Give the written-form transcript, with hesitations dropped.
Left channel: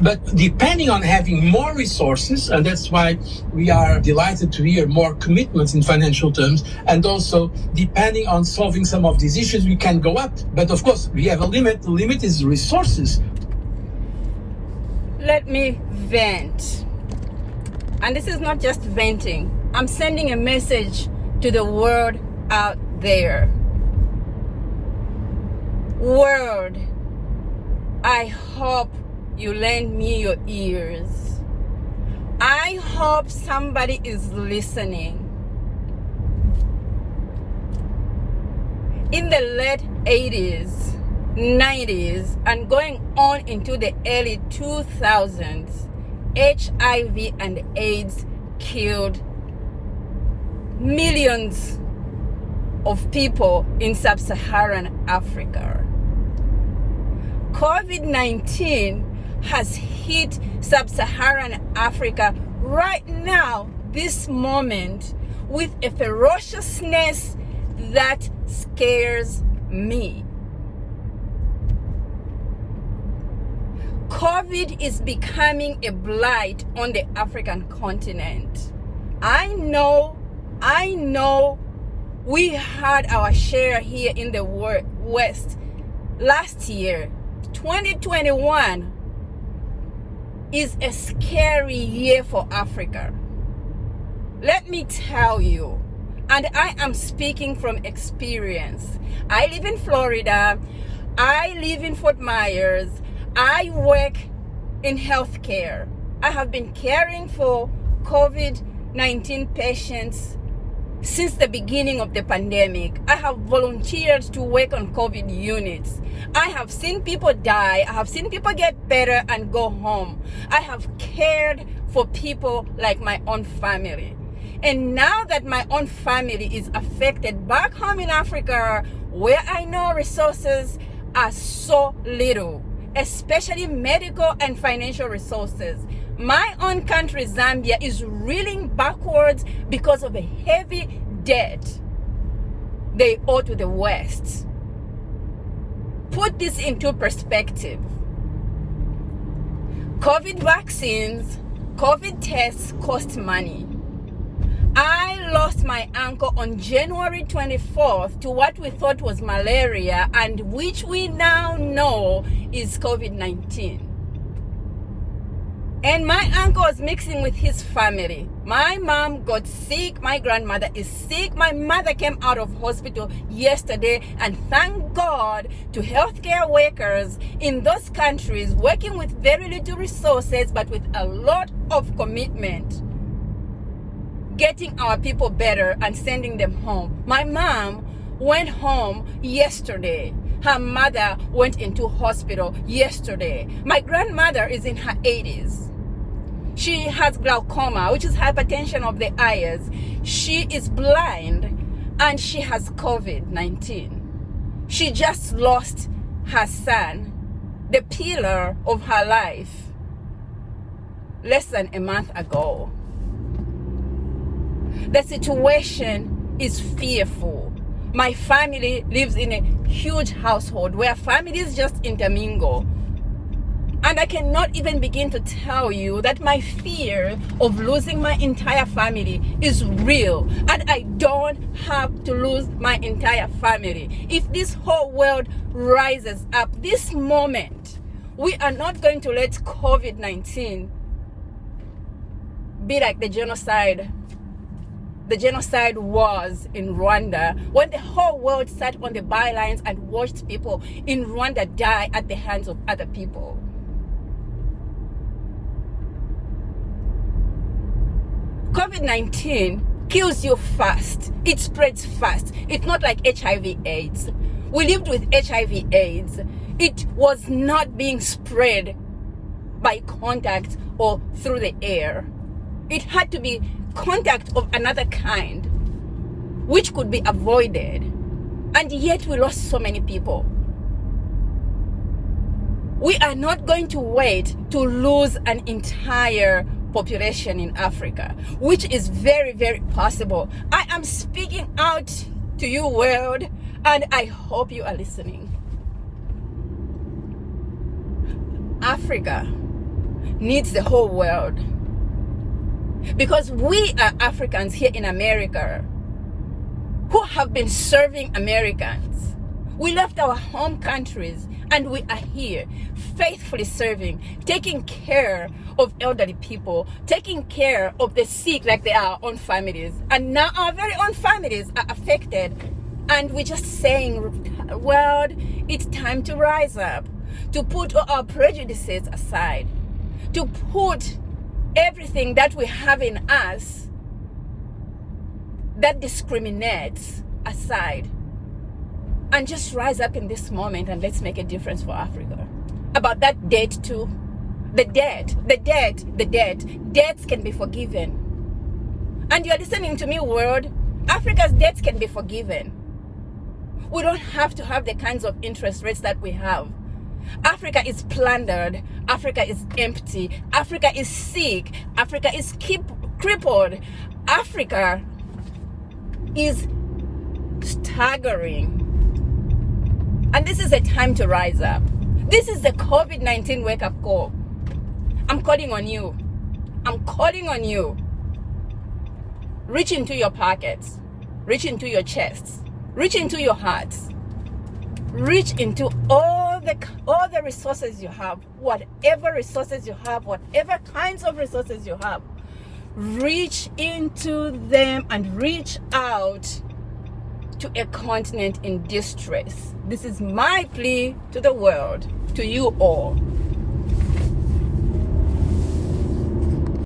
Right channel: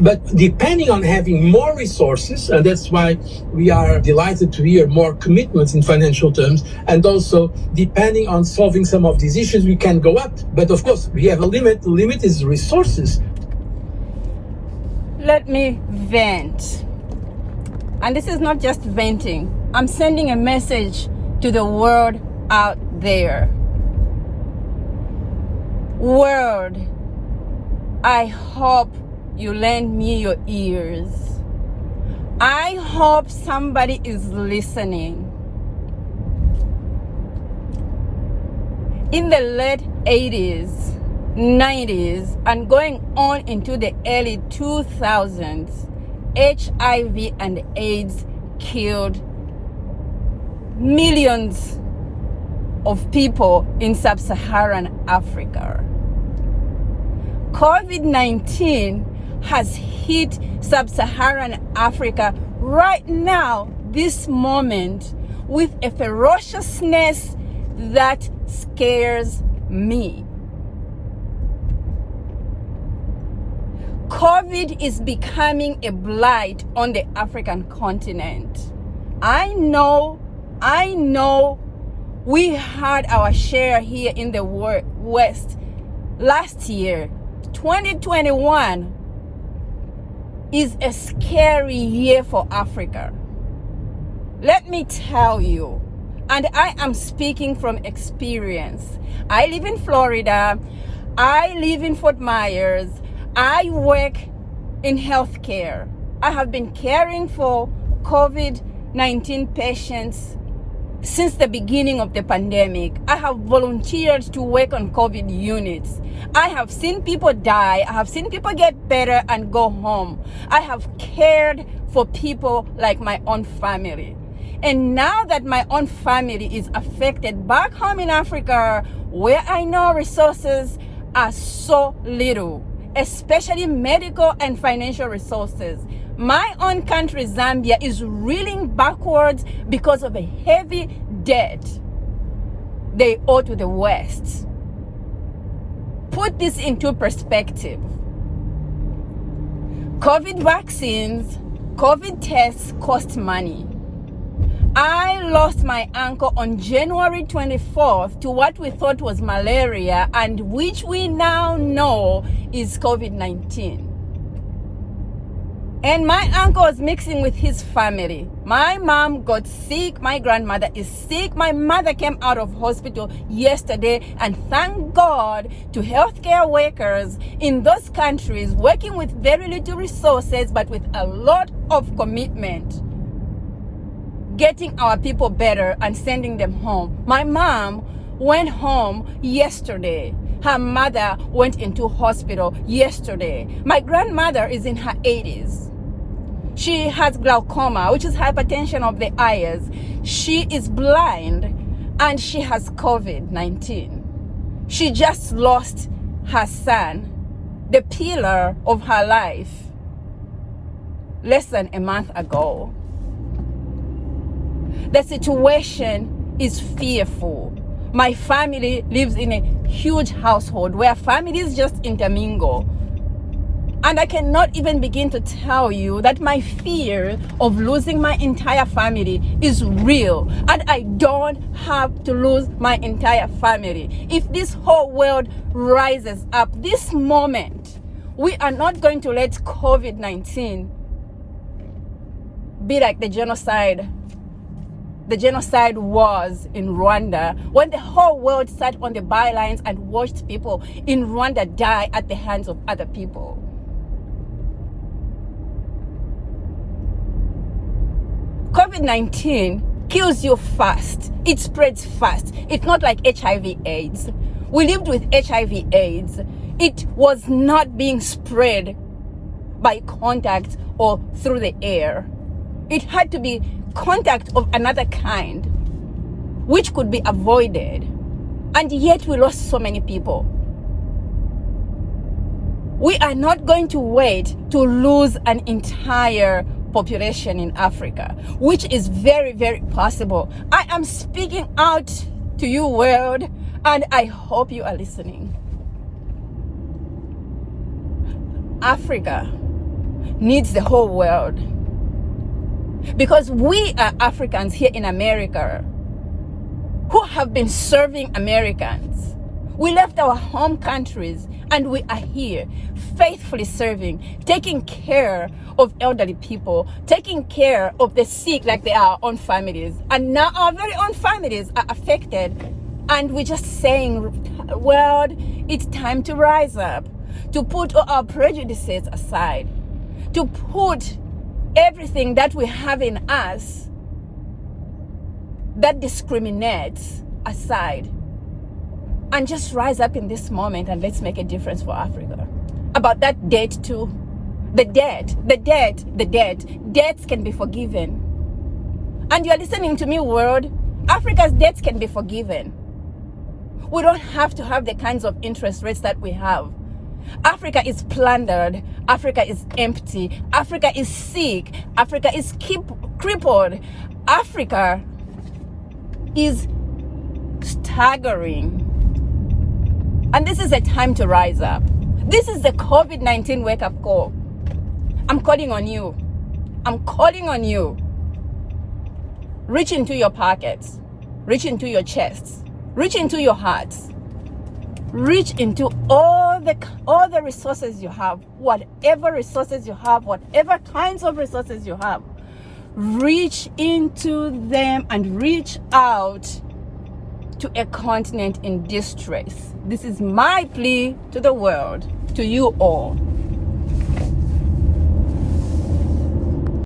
But depending on having more resources, and that's why we are delighted to hear more commitments in financial terms, and also depending on solving some of these issues, we can go up. But of course, we have a limit. The limit is resources. Let me vent. And this is not just venting. I'm sending a message to the world out there. World, I hope you lend me your ears. I hope somebody is listening. In the late 80s, 90s, and going on into the early 2000s, HIV and AIDS killed millions of people in sub-Saharan Africa. COVID-19 has hit sub-Saharan Africa right now, this moment, with a ferociousness that scares me. COVID is becoming a blight on the African continent. I know we had our share here in the West last year. 2021 is a scary year for Africa. Let me tell you, and I am speaking from experience. I live in Florida. I live in Fort Myers. I work in healthcare. I have been caring for COVID-19 patients since the beginning of the pandemic. I have volunteered to work on COVID units. I have seen people die. I have seen people get better and go home. I have cared for people like my own family. And now that my own family is affected back home in Africa, where I know resources are so little, especially medical and financial resources, my own country, Zambia, is reeling backwards because of a heavy debt they owe to the West. Put this into perspective. COVID vaccines, COVID tests cost money. I lost my uncle on January 24th to what we thought was malaria, and which we now know is COVID-19. And my uncle was mixing with his family. My mom got sick. My grandmother is sick. My mother came out of hospital yesterday, and thank God to healthcare workers in those countries working with very little resources but with a lot of commitment, getting our people better and sending them home. My mom went home yesterday. Her mother went into hospital yesterday. My grandmother is in her 80s. She has glaucoma, which is hypertension of the eyes. She is blind and she has COVID-19. She just lost her son, the pillar of her life, less than a month ago. The situation is fearful. My family lives in a huge household where families just intermingle. And I cannot even begin to tell you that my fear of losing my entire family is real. And I don't have to lose my entire family. If this whole world rises up this moment, we are not going to let COVID-19 be like the genocide was in Rwanda, when the whole world sat on the bylines and watched people in Rwanda die at the hands of other people. COVID-19 kills you fast. It spreads fast. It's not like HIV/AIDS. We lived with HIV/AIDS. It was not being spread by contact or through the air. It had to be contact of another kind, which could be avoided. And yet we lost so many people. We are not going to wait to lose an entire population in Africa, which is very, very possible. I am speaking out to you, world, and I hope you are listening. Africa needs the whole world. Because we are Africans here in America who have been serving Americans. We left our home countries and we are here faithfully serving, taking care of elderly people, taking care of the sick like they are our own families. And now our very own families are affected. And we're just saying, world, it's time to rise up, to put all our prejudices aside, to put everything that we have in us that discriminates aside, and just rise up in this moment and let's make a difference for Africa. About that debt too. The debt. Debts can be forgiven. And you're listening to me, world. Africa's debts can be forgiven. We don't have to have the kinds of interest rates that we have. Africa is plundered. Africa is empty. Africa is sick. Africa is crippled. Africa is staggering. And this is a time to rise up. This is the COVID-19 wake-up call. I'm calling on you. I'm calling on you. Reach into your pockets. Reach into your chests. Reach into your hearts. Reach into all the resources you have, whatever resources you have, whatever kinds of resources you have. Reach into them and reach out to a continent in distress. This is my plea to the world, to you all.